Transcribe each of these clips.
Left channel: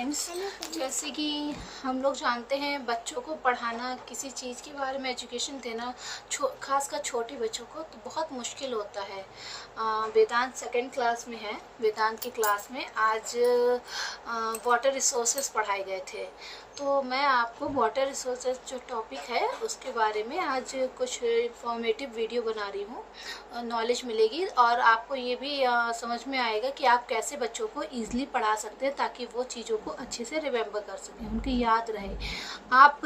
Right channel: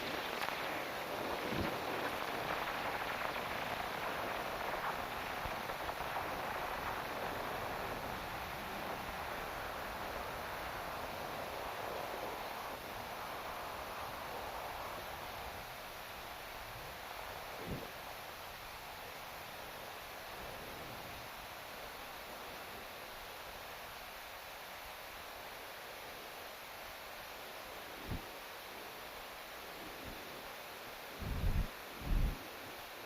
Friends, जैसे कि हम लोग जानते हैं बच्चों को पढ़ाना, किसी चीज़ के बारे में एजुकेशन देना खासकर छोटे बच्चों को तो बहुत मुश्किल होता है। वेदांत सेकंड क्लास में है। वेदांत की क्लास में आज वाटर रिसोर्सेज पढ़ाए गए थे। तो मैं आपको वाटर रिसोर्सेज जो टॉपिक है उसके बारे में आज कुछ इंफॉर्मेटिव वीडियो बना रही हूँ। नॉलेज मिलेगी और आपको ये भी समझ में आएगा कि आप कैसे बच्चों को ईज़िली पढ़ा सकते हैं ताकि वो चीज़ों को अच्छे से रिमेम्बर कर सकें, उनकी याद रहे। आप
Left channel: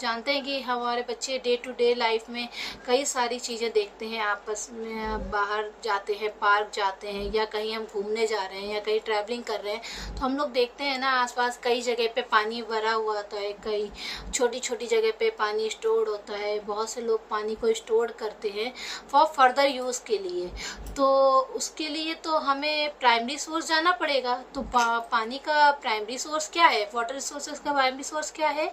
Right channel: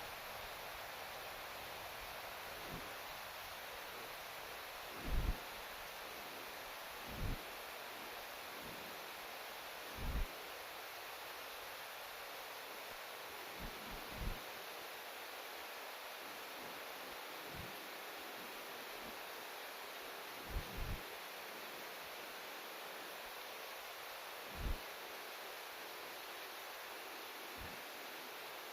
जानते हैं कि हमारे बच्चे डे टू डे लाइफ में कई सारी चीज़ें देखते हैं, आपस में बाहर जाते हैं, पार्क जाते हैं या कहीं हम घूमने जा रहे हैं या कहीं ट्रैवलिंग कर रहे हैं, तो हम लोग देखते हैं ना आसपास कई जगह पे पानी भरा हुआ होता है, कई छोटी छोटी जगह पे पानी स्टोर होता है। बहुत से लोग पानी को स्टोर करते हैं फॉर फर्दर यूज़ के लिए। तो उसके लिए तो हमें प्राइमरी सोर्स जाना पड़ेगा। तो पानी का प्राइमरी सोर्स क्या है, वाटर रिसोर्सेज का प्राइमरी सोर्स क्या है?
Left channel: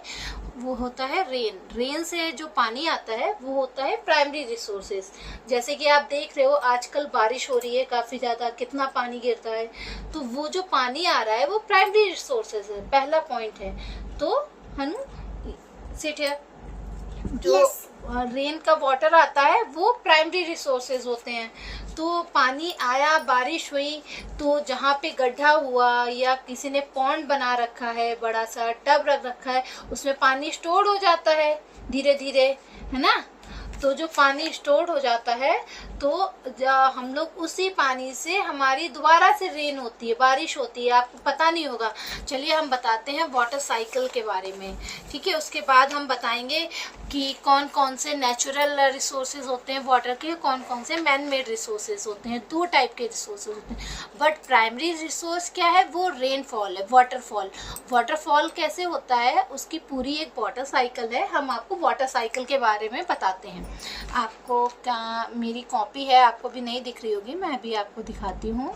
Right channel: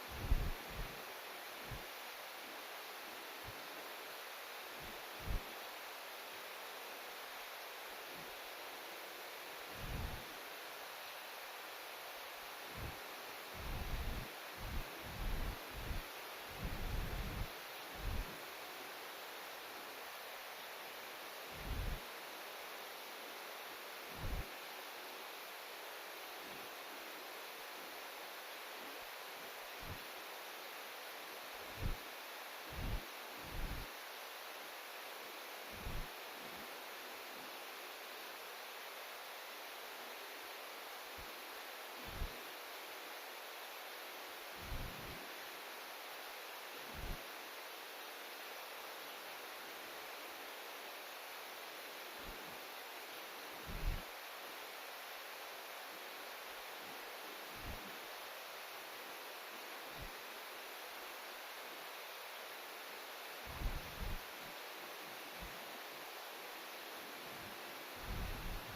वो होता है रेन। रेन से जो पानी आता है वो होता है प्राइमरी रिसोर्सेज। जैसे कि आप देख रहे हो आजकल बारिश हो रही है काफ़ी ज़्यादा, कितना पानी गिरता है। तो वो जो पानी आ रहा है वो प्राइमरी रिसोर्सेज है, पहला पॉइंट है। तो हनु सिट हियर, जो रेन का वाटर आता है वो प्राइमरी रिसोर्सेज होते हैं। तो पानी आया, बारिश हुई, तो जहाँ पे गड्ढा हुआ या किसी ने पॉन्ड बना रखा है, बड़ा सा टब रख रखा है, उसमें पानी स्टोर हो जाता है धीरे धीरे, है ना। तो जो पानी स्टोर हो जाता है तो हम लोग उसी पानी से हमारी दोबारा से रेन होती है, बारिश होती है। आपको पता नहीं होगा। चलिए हम बताते हैं वाटर साइकिल के बारे में, ठीक है। उसके बाद हम बताएंगे कि कौन कौन से नेचुरल रिसोर्सेज होते हैं वाटर के, कौन कौन से मैन मेड रिसोर्सेज होते हैं। दो टाइप के रिसोर्सेज होते हैं। बट प्राइमरी रिसोर्स क्या है? वो रेनफॉल है, वाटरफॉल। वाटरफॉल कैसे होता है उसकी पूरी एक वाटर साइकिल है। हम आपको वाटर साइकिल के बारे में बताते हैं। आपको क्या मेरी कॉपी है, आपको भी नहीं दिख रही होगी, मैं भी आपको दिखाती हूँ।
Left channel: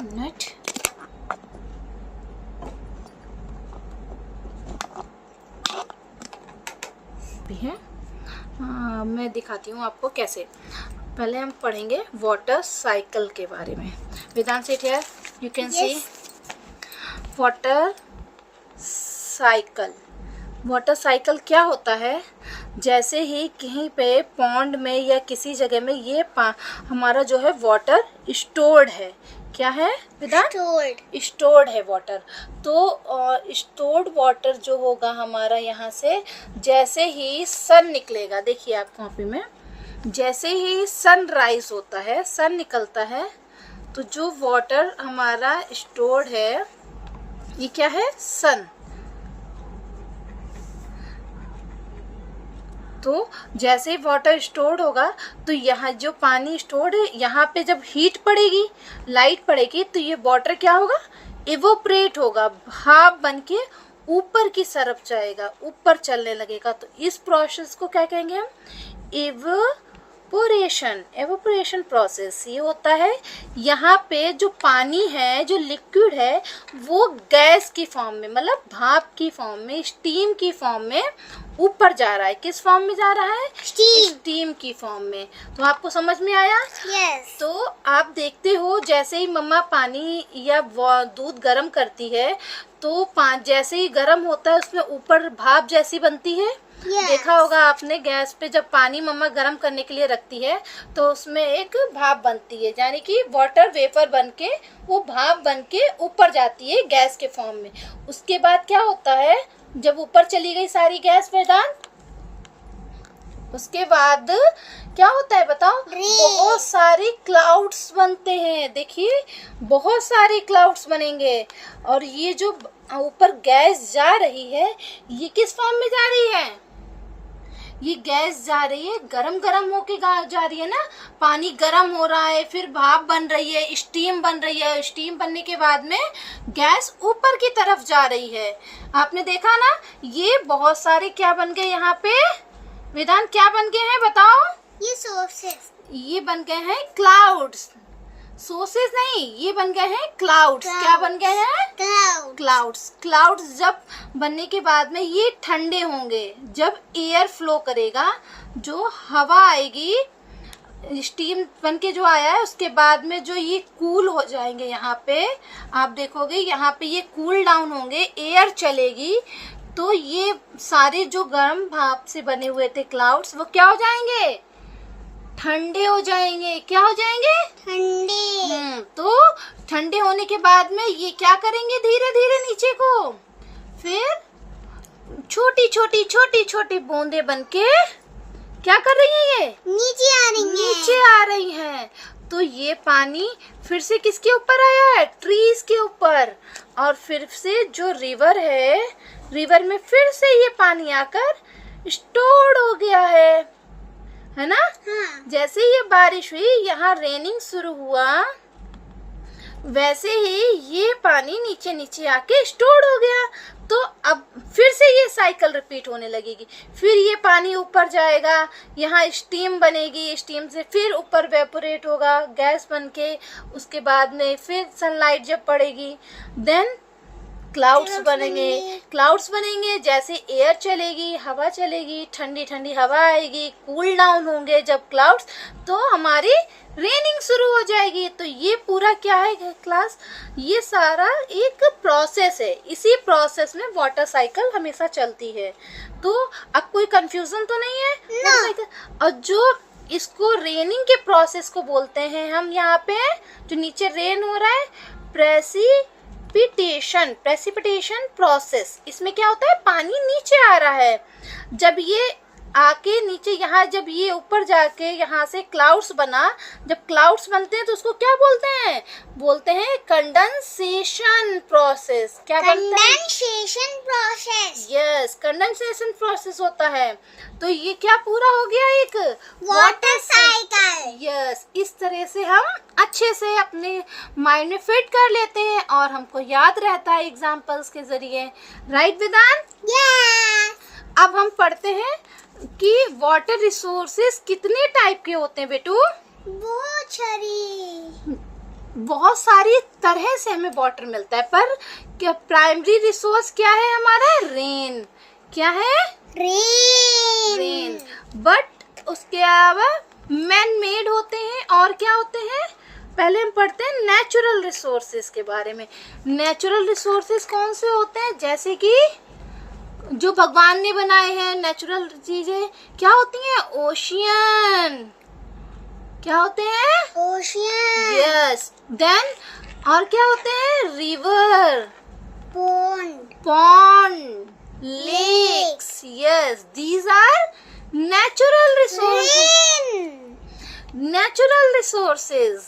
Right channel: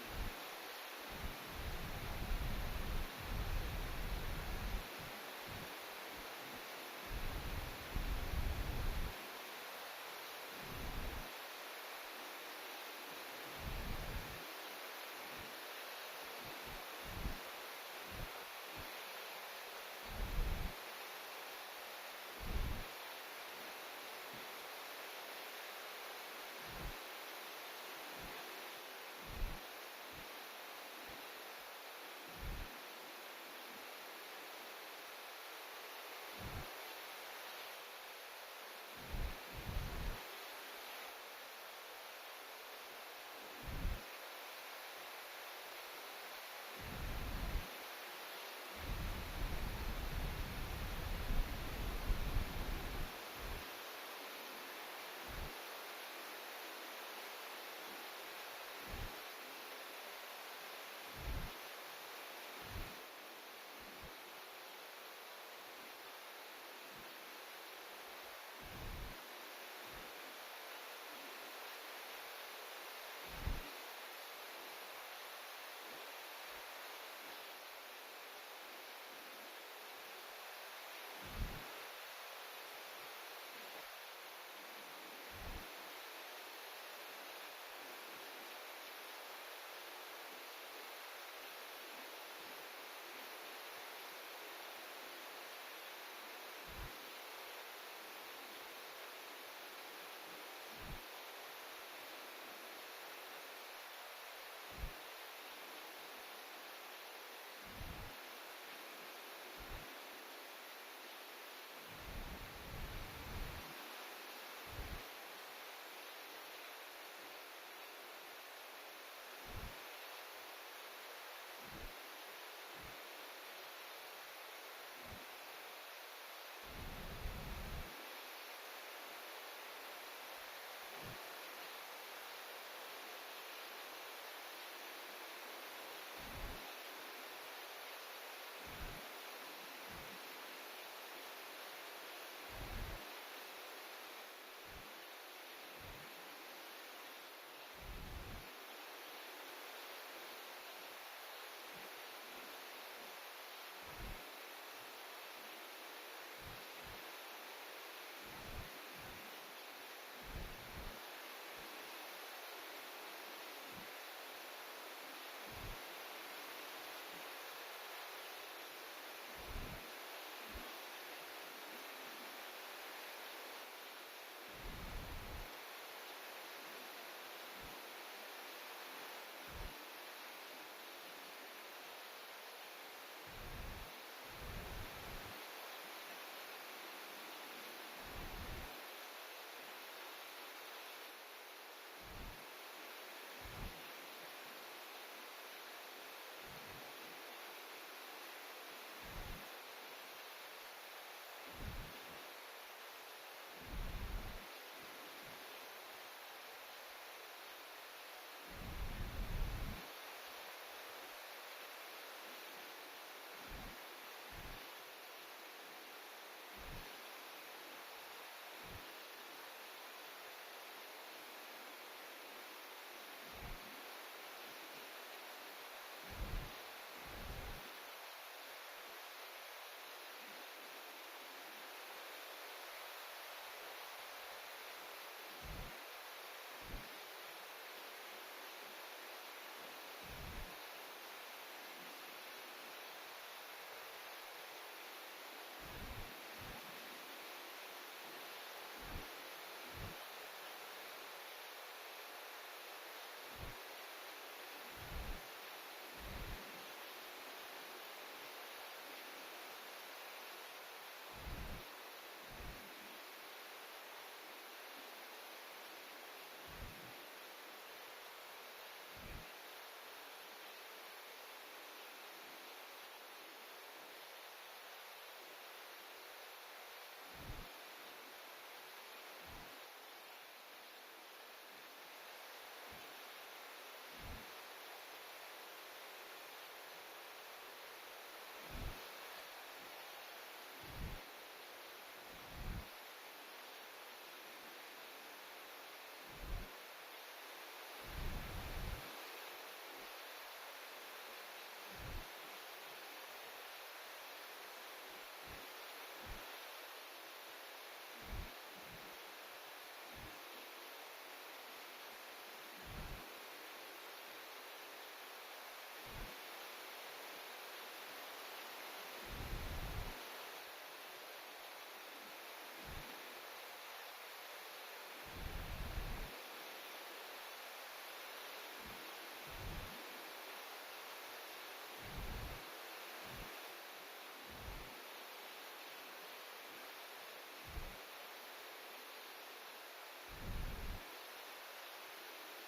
मिनट, है मैं दिखाती हूँ आपको कैसे। पहले हम पढ़ेंगे वाटर साइकिल के बारे में। Vedant sit here, you can see water cycle. Water cycle क्या होता है? जैसे ही कहीं पे पॉन्ड में या किसी जगह में ये हमारा जो है वाटर स्टोर्ड है। क्या है वेदांत? स्टोर्ड है वाटर। तो स्टोर्ड वाटर जो होगा हमारा यहाँ से, जैसे ही सन निकलेगा, देखिए आप कॉपी में, जैसे ही सन राइज होता है, सन निकलता है, तो जो वाटर हमारा स्टोर्ड है, ये क्या है? सन। तो जैसे ही वाटर स्टोर्ड होगा तो यहाँ जो पानी स्टोर्ड है, यहाँ पे जब हीट पड़ेगी, लाइट पड़ेगी, तो ये वाटर क्या होगा? इवोपरेट होगा, भाप बन के ऊपर की तरफ जाएगा, ऊपर चलने लगेगा। तो इस प्रोसेस को क्या कहेंगे हम? एवोपरेशन प्रोसेस ये होता है। यहाँ पे जो पानी है, जो लिक्विड है, वो गैस की फॉर्म में, मतलब भाप की फॉर्म में, स्टीम की फॉर्म में ऊपर जा रहा है। किस फॉर्म में जा रहा है? स्टीम की फॉर्म में। तो आपको समझ में आया? Yes. तो आप देखते हो जैसे ही मम्मा पानी या दूध गर्म करती है, तो जैसे ही गर्म होता है उसमें ऊपर भाप जैसी बनती है। Yes. देखा होगा आपने, गैस पे जब पानी मम्मा गर्म करने के लिए रखती है तो उसमें एक भाप बनती है, यानी कि वाटर वेपर बन के वो भाप बन के ऊपर जाती है गैस के फॉर्म में। उसके बाद क्या होता है, जब ऊपर चली गई सारी गैस वेदांत, उसके बाद क्या होता है बताओ? बहुत सारी क्लाउड्स बनते हैं। देखिए बहुत सारे क्लाउड्स बनेंगे। और ये जो ऊपर गैस जा रही है, ये किस फॉर्म में जा रही है? ये गैस जा रही है, गरम गरम होके जा रही है ना। पानी गरम हो रहा है, फिर भाप बन रही है, स्टीम बन रही है। स्टीम बनने के बाद में गैस ऊपर की तरफ जा रही है। आपने देखा ना, ये बहुत सारे क्या बन गए यहाँ पे वेदांत? क्या बन गए हैं बताओ? ये सोर्सेस, ये बन गए हैं क्लाउड्स। सोर्सेज नहीं, ये बन गए हैं क्लाउड्स। क्या बन गए हैं? क्लाउड्स। क्लाउड्स जब बनने के बाद में ये ठंडे होंगे। जब एयर फ्लो करेगा, जो हवा आएगी, स्टीम बन के जो आया है उसके बाद में जो ये कूल हो जाएंगे, यहाँ पे आप देखोगे यहाँ पे ये कूल डाउन होंगे, एयर चलेगी, तो ये सारे जो गर्म भाप से बने हुए थे क्लाउड्स वो क्या हो जाएंगे, ठंडे हो जाएंगे। क्या हो जाएंगे, ठंडे। तो ठंडे होने के बाद में ये क्या करेंगे, धीरे धीरे नीचे को फिर छोटी छोटी छोटी छोटी बूंदे बनके क्या कर रही है, ये नीचे आ रही है। नीचे आ रही हैं। तो ये पानी फिर से किसके ऊपर आया है, ट्रीज के ऊपर, और फिर से जो रिवर है, रिवर में फिर से ये पानी आकर स्टोर्ड हो गया है ना। हाँ। जैसे ये बारिश हुई, यहाँ रेनिंग शुरू हुआ, वैसे ही ये पानी नीचे नीचे आके स्टोर हो गया। तो अब फिर से ये साइकिल रिपीट होने लगेगी, फिर ये पानी ऊपर जाएगा, यहाँ स्टीम बनेगी, स्टीम से फिर ऊपर वेपोरेट होगा गैस बनके, उसके बाद में फिर सनलाइट जब पड़ेगी देन क्लाउड्स बनेंगे। क्लाउड्स बनेंगे, जैसे एयर चलेगी, हवा चलेगी, ठंडी ठंडी हवा आएगी, कूल डाउन होंगे जब क्लाउड्स, तो हमारी रेनिंग शुरू हो जाएगी। तो ये पूरा क्या है क्लास, ये सारा एक प्रोसेस है, इसी प्रोसेस में वाटर साइकिल हमेशा चलती है। तो अब कोई कंफ्यूजन तो नहीं है No. और जो इसको रेनिंग के प्रोसेस को बोलते हैं हम, यहाँ पे जो नीचे रेन हो रहा है, प्रेसिपिटेशन प्रोसेस, इसमें क्या होता है, पानी नीचे आ रहा है, जब ये आके नीचे, यहाँ जब ये ऊपर जाके यहाँ से क्लाउड्स बना, जब क्लाउड्स बनते हैं तो उसको क्या बोलते हैं, बोलते हैं कंडेंसेशन प्रोसेस। क्या बनता है, condensation process. Yes, condensation process होता है। तो ये क्या पूरा हो गया, एक वाटर साइकिल। यस, इस तरह से हम अच्छे से अपने माइंड में फिट कर लेते हैं और हमको याद रहता है एग्जाम्पल्स के जरिए। राइट वेदांत? यस। अब हम पढ़ते हैं कि वाटर रिसोर्सेज कितने टाइप के होते हैं बेटू। बहुत सारी, बहुत सारी तरह से हमें वाटर मिलता है, पर क्या प्राइमरी रिसोर्स क्या है हमारा, रेन। क्या है, रेन। बट उसके अलावा मैन मेड होते हैं, और क्या होते हैं, पहले हम पढ़ते हैं नेचुरल रिसोर्सेज के बारे में। नेचुरल रिसोर्सेज कौन से होते हैं, जैसे कि जो भगवान ने बनाए हैं नेचुरल चीजें, क्या होती हैं, ओशियन। क्या होते हैं, ओशियन। यस, देन और क्या होते हैं, river, pond, lakes, yes, these are natural resources. Natural resources.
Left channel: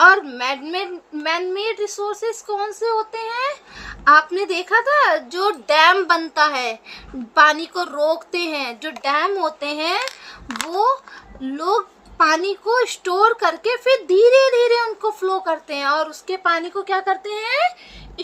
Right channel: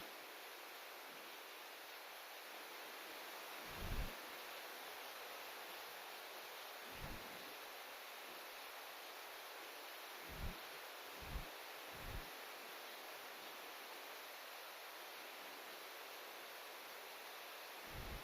और मैन मेड रिसोर्सेज कौन से होते हैं, आपने देखा था जो डैम बनता है, पानी को रोकते हैं, जो डैम होते हैं वो लोग पानी को स्टोर करके फिर धीरे धीरे उनको फ्लो करते हैं और उसके पानी को क्या करते हैं,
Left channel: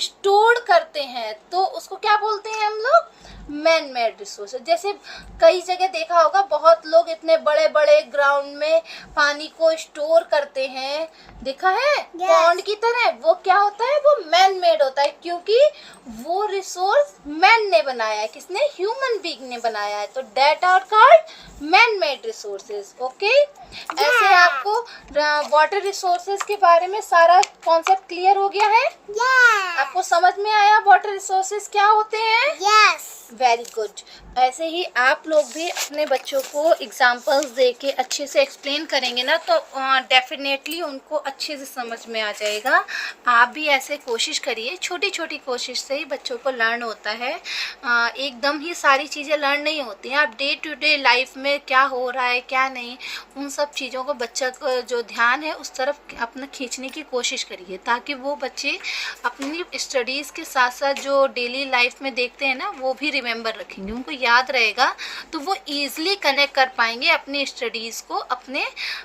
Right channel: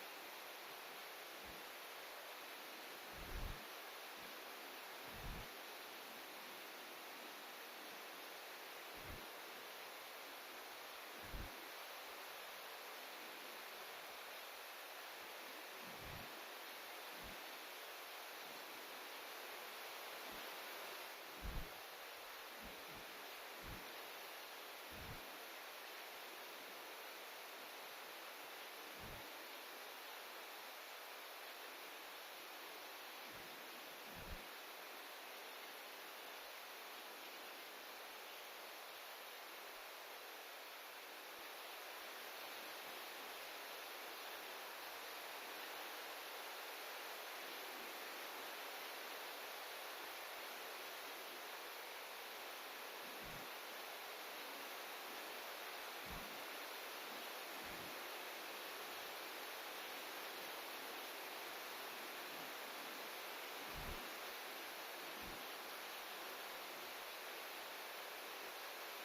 स्टोर करते हैं। तो उसको क्या बोलते हैं हम लोग, मैन मेड रिसोर्सेज। जैसे कई जगह देखा होगा, बहुत लोग इतने बड़े बड़े ग्राउंड में पानी को स्टोर करते हैं, देखा है, पॉन्ड की तरह। वो क्या होता है, वो मैन मेड होता है, क्योंकि वो रिसोर्स मैन ने बनाया है, किसने, ह्यूमन बीइंग ने बनाया है। तो that are called man made resources. Okay, ऐसे आपको वाटर रिसोर्सेज के बारे में सारा कॉन्सेप्ट क्लियर हो गया है। आपको समझ में आया वाटर रिसोर्सेज क्या होते हैं। Yes, very good. ऐसे ही आप लोग भी अपने बच्चों को एग्जाम्पल्स दे के अच्छे से एक्सप्लेन करेंगे ना, तो डेफिनेटली उनको अच्छे से समझ में आ जाएगा। आप भी ऐसे कोशिश करिए, छोटी छोटी कोशिश से ही बच्चों को लर्न होता है। एकदम ही सारी चीज़ें लर्न नहीं होती हैं। आप डे टू डे लाइफ में क्या हो रहा है क्या नहीं, उन सब चीज़ों को बच्चा का जो ध्यान है उस तरफ अपना खींचने की कोशिश करिए, ताकि वो बच्चे अपनी स्टडीज़ के साथ साथ जो डेली लाइफ में देखते हैं ना वो भी रिमेंबर रखेंगे, उनको याद रहेगा, तो वो ईज़िली कनेक्ट कर पाएंगे अपनी स्टडीज़ को अपने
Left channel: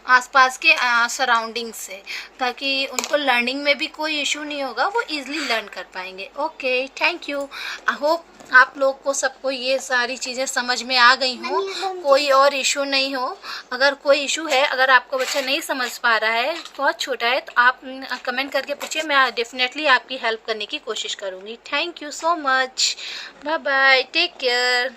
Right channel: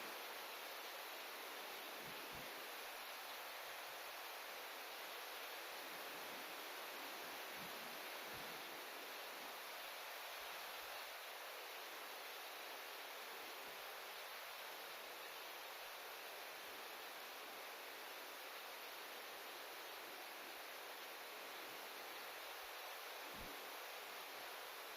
आसपास के सराउंडिंग से, ताकि उनको लर्निंग में भी कोई इशू नहीं होगा, वो ईज़िली लर्न कर पाएंगे। Okay, thank you. I hope आप लोग को सबको ये सारी चीज़ें समझ में आ गई हो, कोई और इशू नहीं हो। अगर कोई इशू है, अगर आपको बच्चा नहीं समझ पा रहा है, बहुत छोटा है, तो आप कमेंट करके पूछिए, मैं डेफिनेटली आपकी हेल्प करने की कोशिश करूँगी। Thank you so much, bye bye, take care.